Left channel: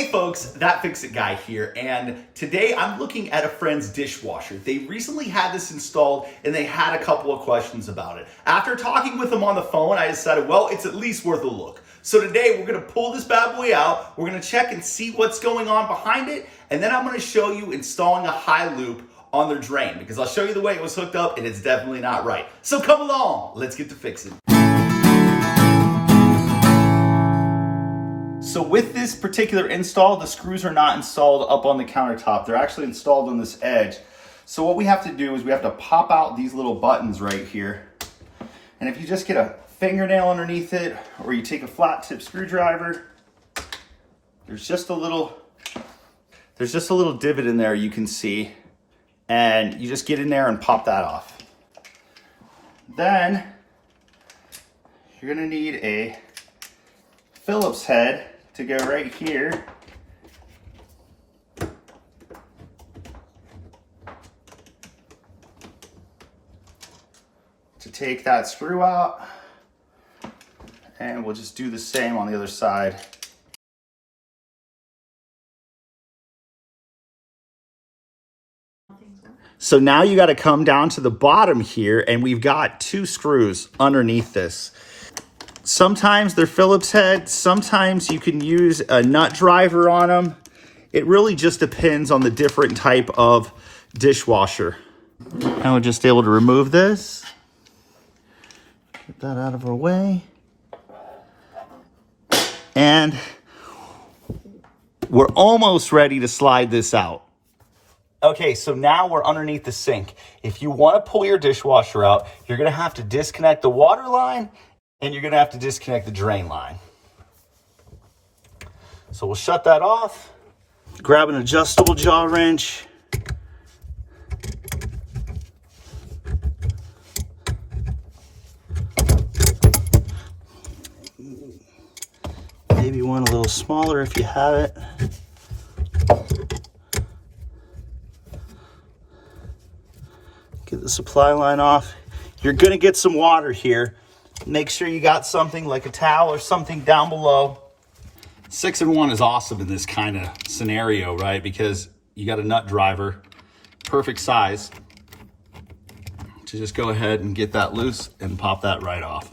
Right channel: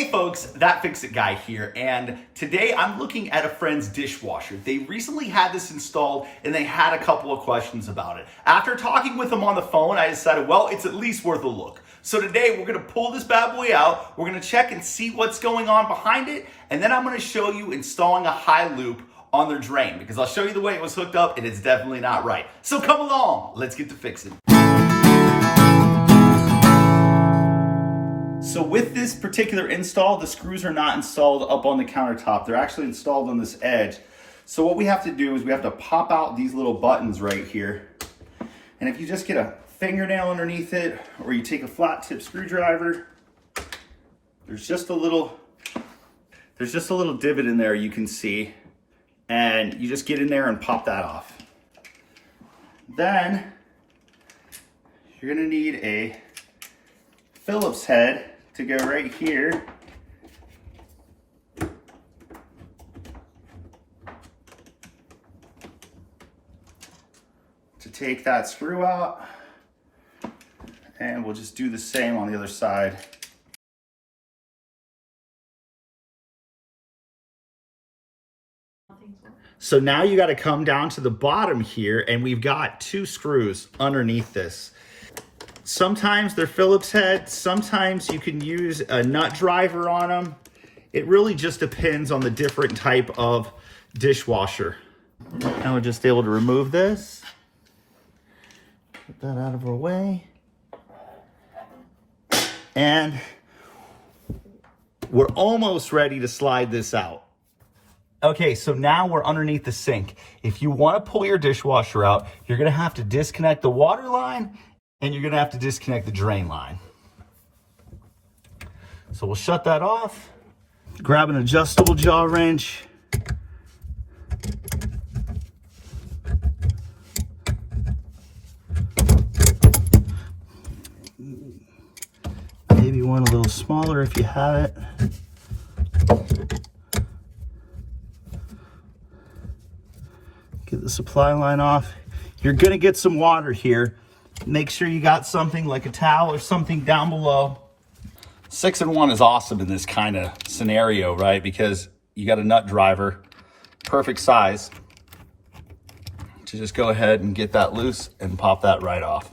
Hey folks, That Fix It Guy here, and today I'm looking at a friend's dishwasher. They recently had this installed and they had a couple of questions about it. After talking with them on the phone, I decided, well, it's at least worth a look. So today we're gonna pull this bad boy out, we're gonna check and see what's going on behind it, and then I'm gonna show you installing a high loop on their drain, because I'll show you the way it was hooked up and it's definitely not right. So come along, let's get to fixing. So with this particular install, the screws are not installed up on the countertop. They're actually installed on this edge. So what we have to do is we have to pop out these little buttons right here. And if you just get a fingernail underneath it, or you take a flat tip screwdriver, there's just a little divot in there you can see. And you just get in there and pop that off. Then you're gonna need a Phillips head to go right here. To take that screw out. And we'll just do the same on the other side. So now you got to come down to the bottom here, and we've got two screws underneath this. Sometimes they're Phillips heads, sometimes you can use a nut driver on them. It really just depends on the different type of dishwasher. Now we're just able to remove this. Get that out of our way. And we're almost ready to slide this out. Okay, so now we're underneath the sink. If you want to pull your dishwasher out, you're gonna have to disconnect the water line and you're gonna have to disconnect the drain line. So we'll shut that off, grab an adjustable jaw wrench. Maybe one a little smaller if you have it. Get the supply line off. You're gonna get some water here. Make sure you got something like a towel or something down below. 6-in-1 is awesome in this kind of scenario, right? Because you got a nut driver, perfect size, to just go ahead and get that loose and pop that right off.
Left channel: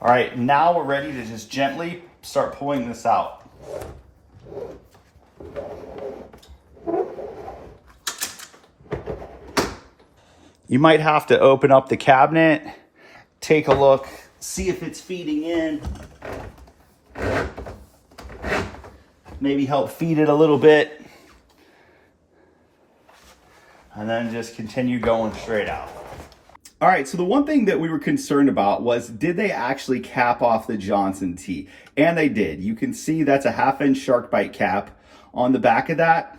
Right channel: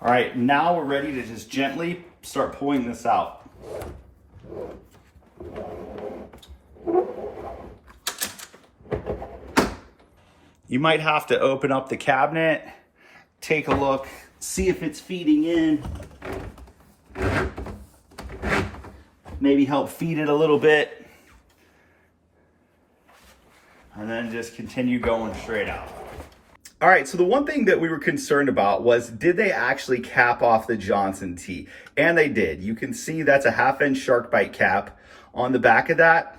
All right, now we're ready to just gently start pulling this out. You might have to open up the cabinet, take a look, see if it's feeding in. Maybe help feed it a little bit. And then just continue going straight out. All right, so the one thing that we were concerned about was, did they actually cap off the Johnson tee? And they did. You can see that's a 1/2-inch shark bite cap on the back of that.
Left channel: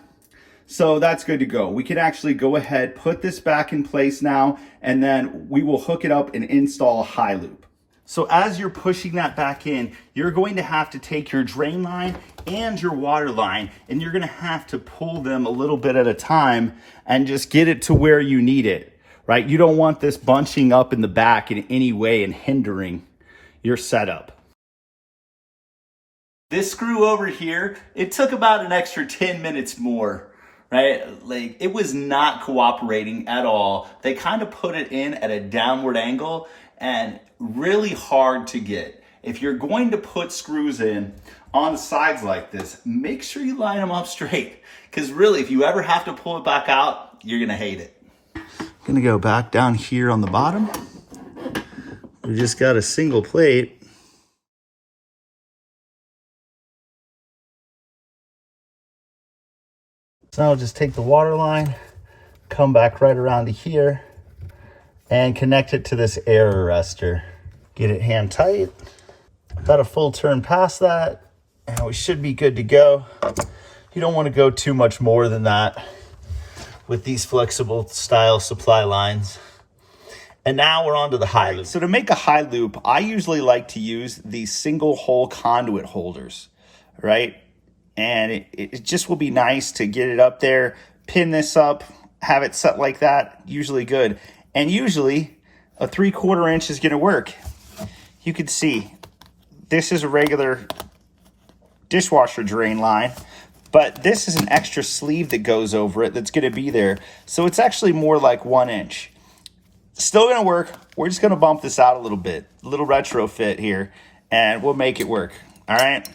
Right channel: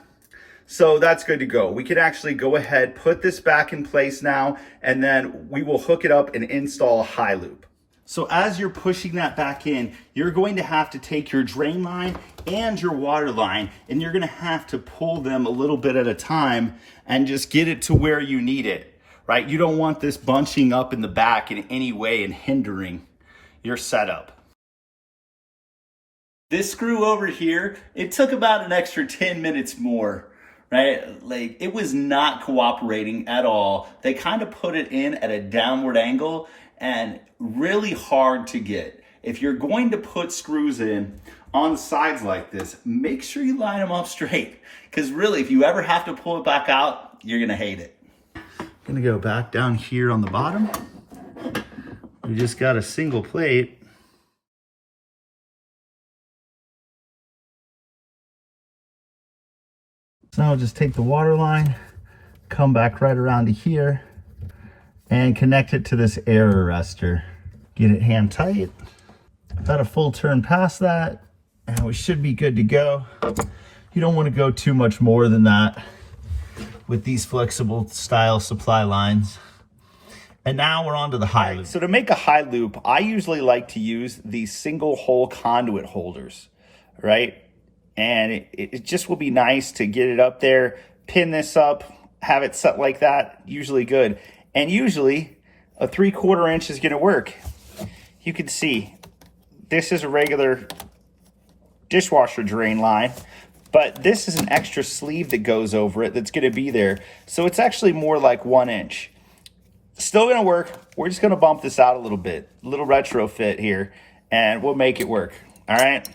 So that's good to go. We can actually go ahead, put this back in place now, and then we will hook it up and install a high loop. So as you're pushing that back in, you're going to have to take your drain line and your water line, and you're gonna have to pull them a little bit at a time and just get it to where you need it, right? You don't want this bunching up in the back in any way and hindering your setup. This screw over here, it took about an extra 10 minutes more, right? Like, it was not cooperating at all. They kind of put it in at a downward angle and really hard to get. If you're going to put screws in on the sides like this, make sure you line them up straight, because really, if you ever have to pull it back out, you're gonna hate it. Gonna go back down here on the bottom. We just got a single plate. So I'll just take the water line, come back right around to here, and connect it to this air arrestor. Get it hand tight. About a full turn past that, and we should be good to go. You don't want to go too much more than that with these flexible style supply lines. And now we're on to the high loop. So to make a high loop, I usually like to use these single hole conduit holders, right? And it just will be nice to get it up there, pin this up, have it set like that, usually good. And usually a 3/4 inch is gonna work. You can see this is a regular dishwasher drain line, but this is an extra sleeve that goes over it that's gonna be there. So it's actually more like 1 inch. Still gonna work. We're just gonna bump this out a little bit, a little retrofit here, and we'll make it work, all right?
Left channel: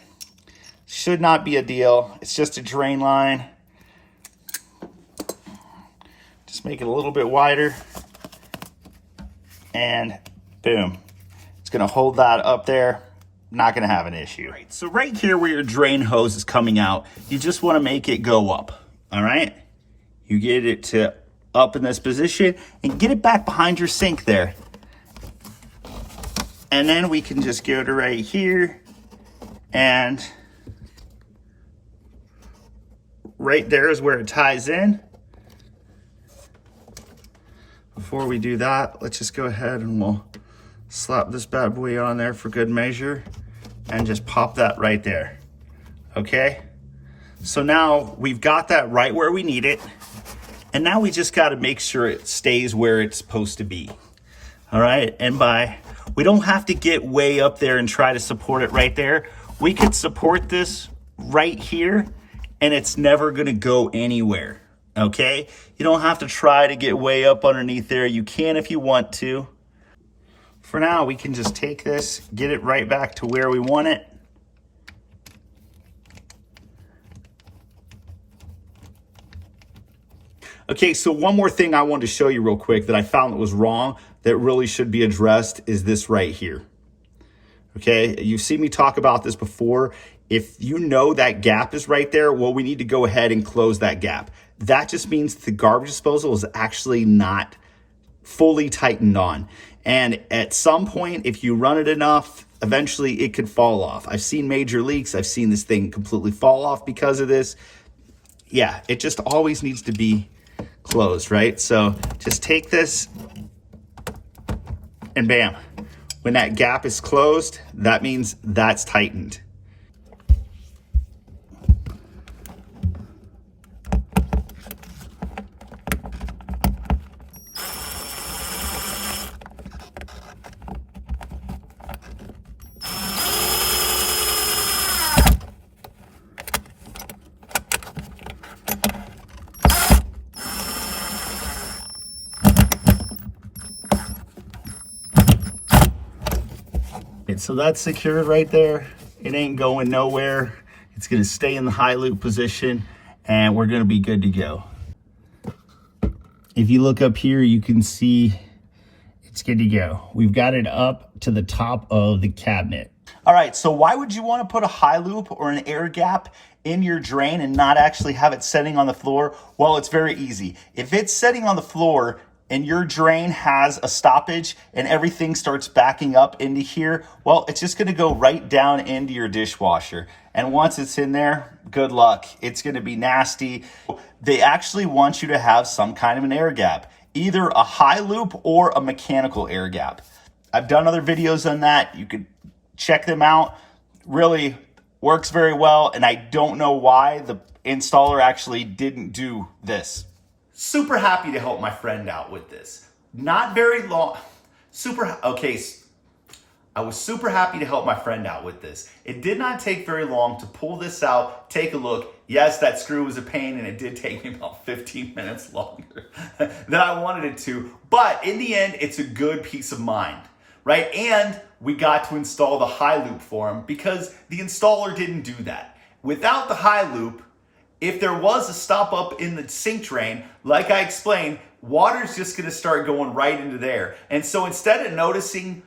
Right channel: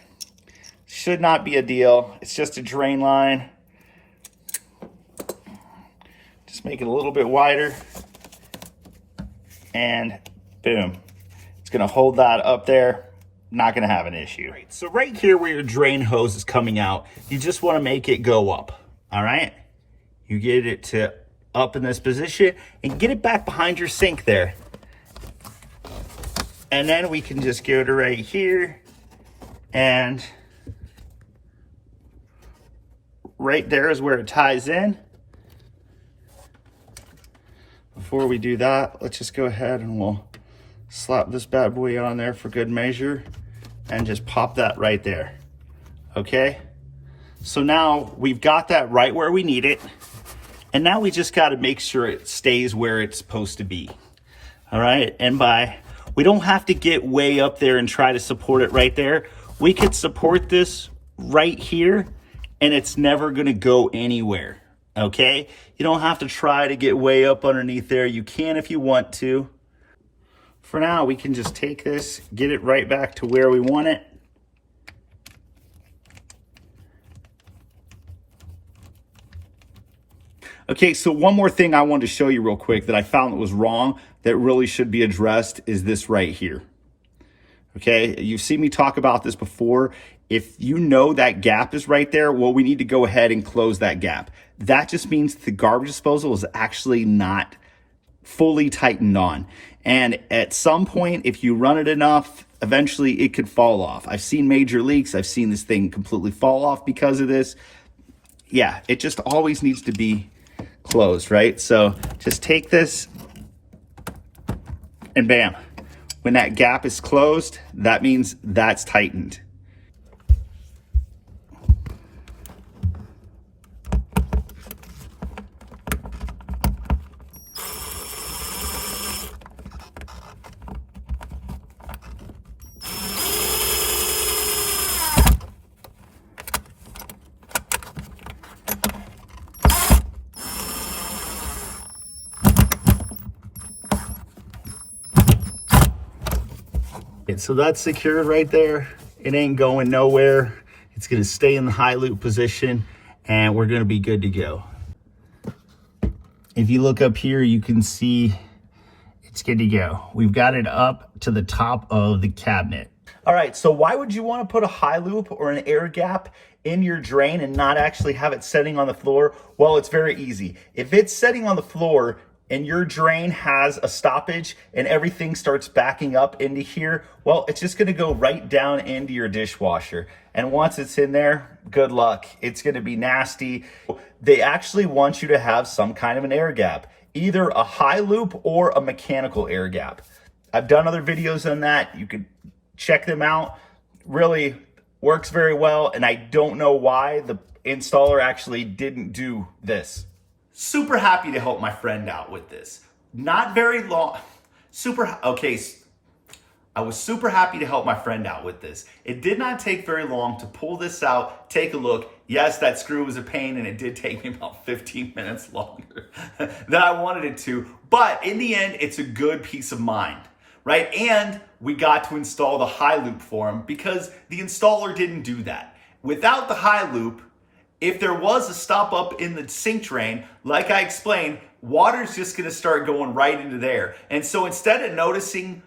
Should not be a deal. It's just a drain line. Just make it a little bit wider, and boom. It's gonna hold that up there. Not gonna have an issue. Right, so right here where your drain hose is coming out, you just wanna make it go up, all right? You get it to up in this position and get it back behind your sink there. And then we can just go to right here, and right there is where it ties in. Before we do that, let's just go ahead and we'll slap this bad boy on there for good measure and just pop that right there, okay? So now we've got that right where we need it, and now we just gotta make sure it stays where it's supposed to be, all right? And we don't have to get way up there and try to support it right there. We could support this right here, and it's never gonna go anywhere, okay? You don't have to try to get way up underneath there. You can if you want to. For now, we can just take this, get it right back to where we want it. Okay, so one more thing I wanted to show you real quick that I found that was wrong that really should be addressed is this right here. Okay, you've seen me talk about this before. If you know that gap is right there, well, we need to go ahead and close that gap. That just means the garbage disposal is actually not fully tightened on. And at some point, if you run it enough, eventually it could fall off. I've seen major leaks. I've seen this thing completely fall off because of this. Yeah, it just always needs to be closed, right? So just take this and bam. When that gap is closed, that means that's tightened. So that's secured right there. It ain't going nowhere. It's gonna stay in the high loop position and we're gonna be good to go. If you look up here, you can see it's good to go. We've got it up to the top of the cabinet. All right, so why would you wanna put a high loop or an air gap in your drain and not actually have it setting on the floor? Well, it's very easy. If it's setting on the floor, and your drain has a stoppage and everything starts backing up into here, well, it's just gonna go right down into your dishwasher. And once it's in there, good luck. It's gonna be nasty. They actually want you to have some kind of an air gap, either a high loop or a mechanical air gap. I've done other videos on that. You could check them out. Really works very well, and I don't know why the installer actually didn't do this. Super happy to help my friend out with this. Not very long, I was super happy to help my friend out with this. It did not take very long to pull this out, take a look. Yes, that screw was a pain and it did take me about 15 minutes longer than I wanted it to, but in the end, it's a good peace of mind, right? And we got to install the high loop for him because the installer didn't do that. Without the high loop, if there was a stop up in the sink drain, like I explained, water's just gonna start going right into there. And so instead of noticing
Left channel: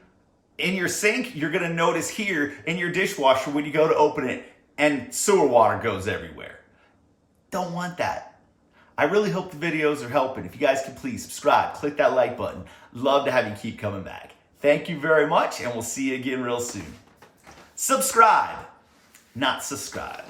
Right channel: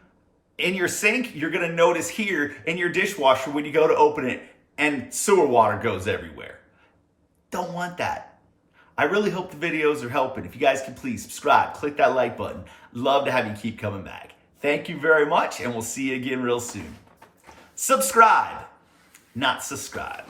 in your sink, you're gonna notice here in your dishwasher when you go to open it and sewer water goes everywhere. Don't want that. I really hope the videos are helping. If you guys can please subscribe, click that like button. Love to have you keep coming back. Thank you very much, and we'll see you again real soon. Subscribe, not subscribe.